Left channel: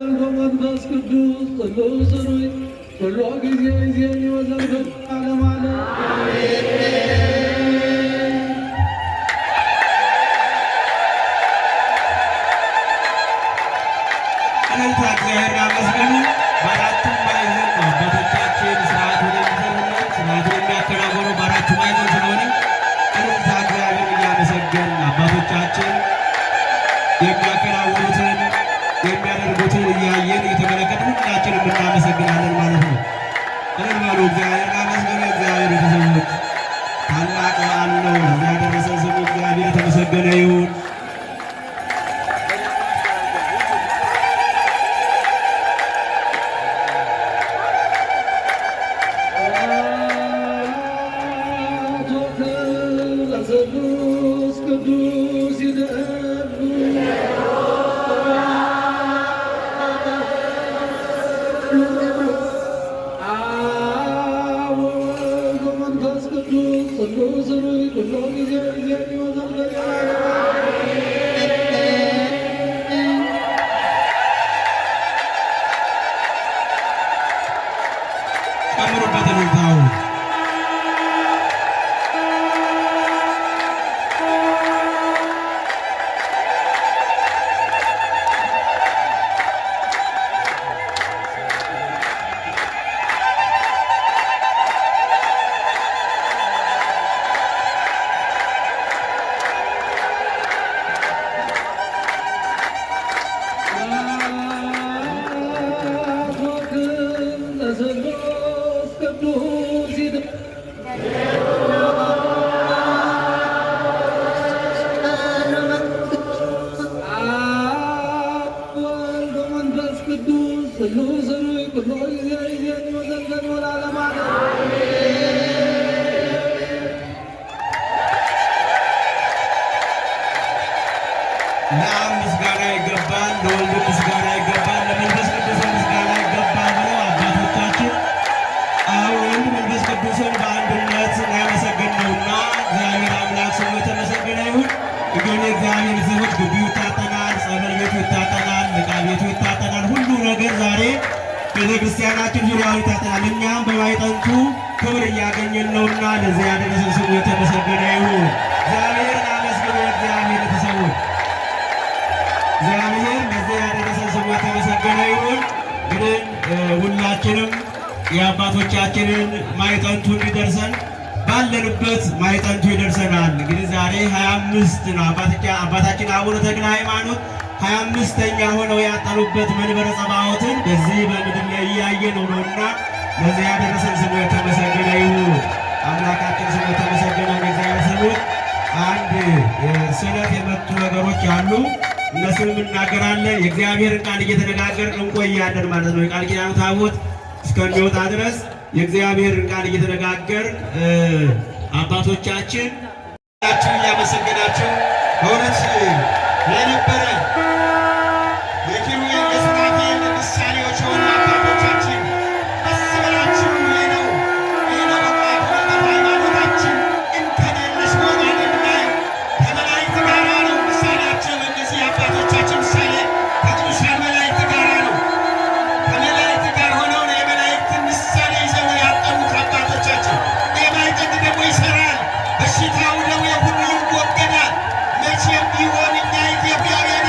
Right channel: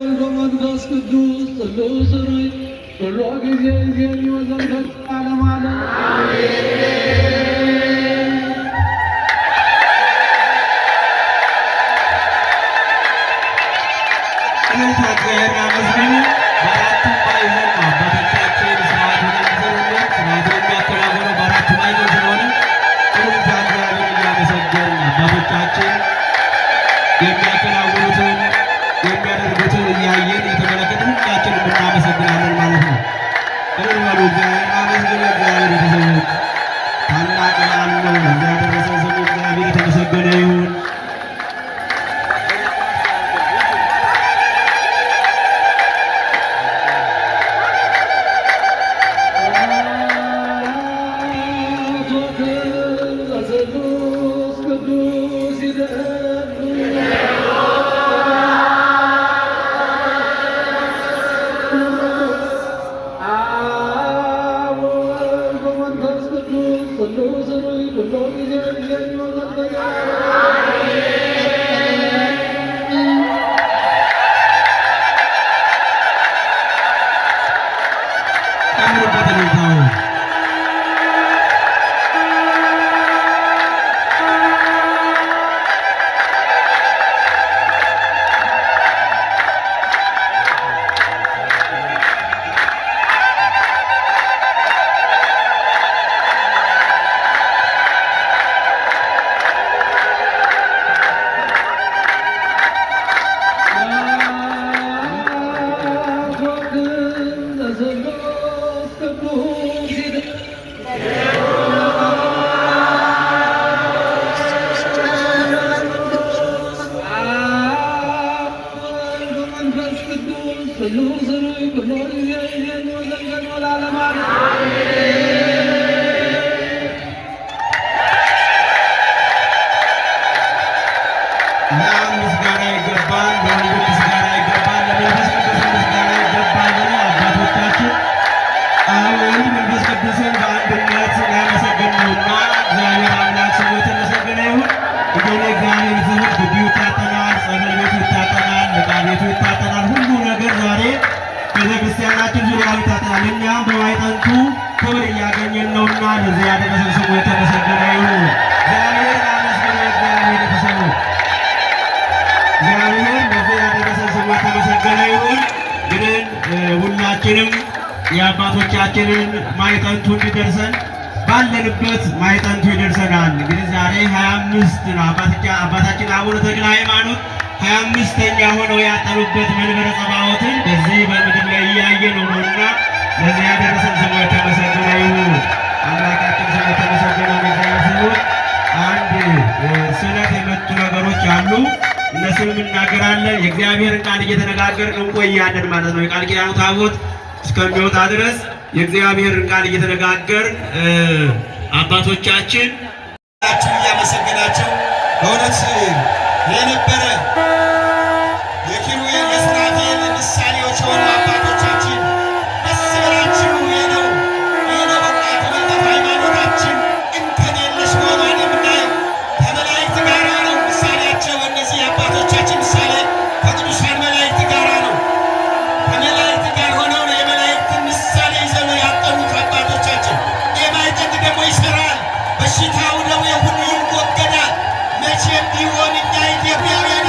መንፈስ ቅዱስ ቅዱስ ሆይ ሁሉ ጊዜ የሚወዘልፈት ዓለም አለ። እግዚአብሔር አመስግኑ። በአራቱም ማዕዘን አባቶቻችን ስርዓቱን የሚሰሩልን ስርዓቱን የሚያከናውኑ በአራቱ ማዕዘን ስለሆነ እግዚአብሔር እያመሰገን አባቶቻችን የሚያከናውኑትን የሚያደርጉትን እያየን እየተመለከትን ሁላችንም እናመሰግናለን ማለት ነው። በሉ እግዚአብሔር አመስግኑ። እግዚአብሔር ቤተሰቦች ታላቅ በዓል ነው። እዚያ ያደረሰን ስሙ እግዚአብሔር የተመሰገነ ይሁን። ለአብ ምስጋና ይገባል፣ ለወልድ ምስጋና ይገባል፣ ለመንፈስ ቅዱስ ምስጋና ይገባል ብለው አባቶቻችን አብ ወልድ መንፈስ ቅዱስን በአንድነት ያመሰገን ነውና እግዚአብሔር አምላክ ስሙ የተመሰገነ ይሁን። እንግዲህ እግዚአብሔር ሰዎች ግቢው ይታጠናል፣ ጸበል ቤቱ ይታጠናል፣ ዕቃ ቤቱ ይታጠናል። ሁሉ ነገር ዛሬ ቤተክርስቲያናችን ዙሪያው ይታጠናል። እኛም በማይጠንቱ ክብር እያገኘን ነውና ለዚህ ያደረሰን ስሙ የተመሰገነ ይሁን። እግዚአብሔር አመስግኑ። እግዚአብሔር ቤተሰቦች እግዚአብሔር ለዚህ ያደረሰን ስሙ የተመሰገነ ይሁን። እንግዲህ ሁላችንም የአባቶቻችንን ማይጠንቱ እንዲደርሰን ባለንበት ማይጠንቱ ይደርሰናል። እንግዲህ ዛሬ 25 ነው። አባታችን አቡነ ተክለ ሃይማኖት 25ኛ ሆነው ያጠኑበት መንበረ ጸባዖትን በዚህ በምድር ላይ እያየን ነውና ለዚህ ያደረሰን ስሙ የተመሰገነ ይሁን። አምላካችን ስሙ የተመሰገነ ይሁን። እግዚአብሔር ስሙ አንድ ስለት የመጡ ነገሮች አሉ። እነሱንም እናገራለን። የእግዚአብሔርን ቃል እየተነጋገርን እንቆያለን ማለት ነው። የቃል ኪዳኑ ታቦት እስከሚወጣ ድረስ የእግዚአብሔርን ቃል እየተነጋገርን አባቶቻችን እያመሰገናቸው በእውነት የነበረ የኪሩቤል የሱራፌል ምሳሌዎች የሆኑ አባቶቻችን ደስ ይበላችሁ። ይህ ነው በቃ የተመለከ ሃይማኖታችን እንከን የለሽ መሆኗን የምናየው ከመላእክት ጋር ነው። ምሳሌያቸው እነዚህ አባቶቻችን ምሳሌ ከቅዱሳን መላእክት ጋር ነው። ከመላእክት ጋር ሆነው የመላእክትን ምሳሌ ይዘው ያጠኑት አባቶቻችን። የማይጠንት ደግሞ ይሰራል፣ በሽታው ደዌ ሁሉ ይወገዳል። መቼም ቢሆን እኛ ኢትዮጵያውያን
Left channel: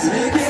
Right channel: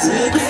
Take it.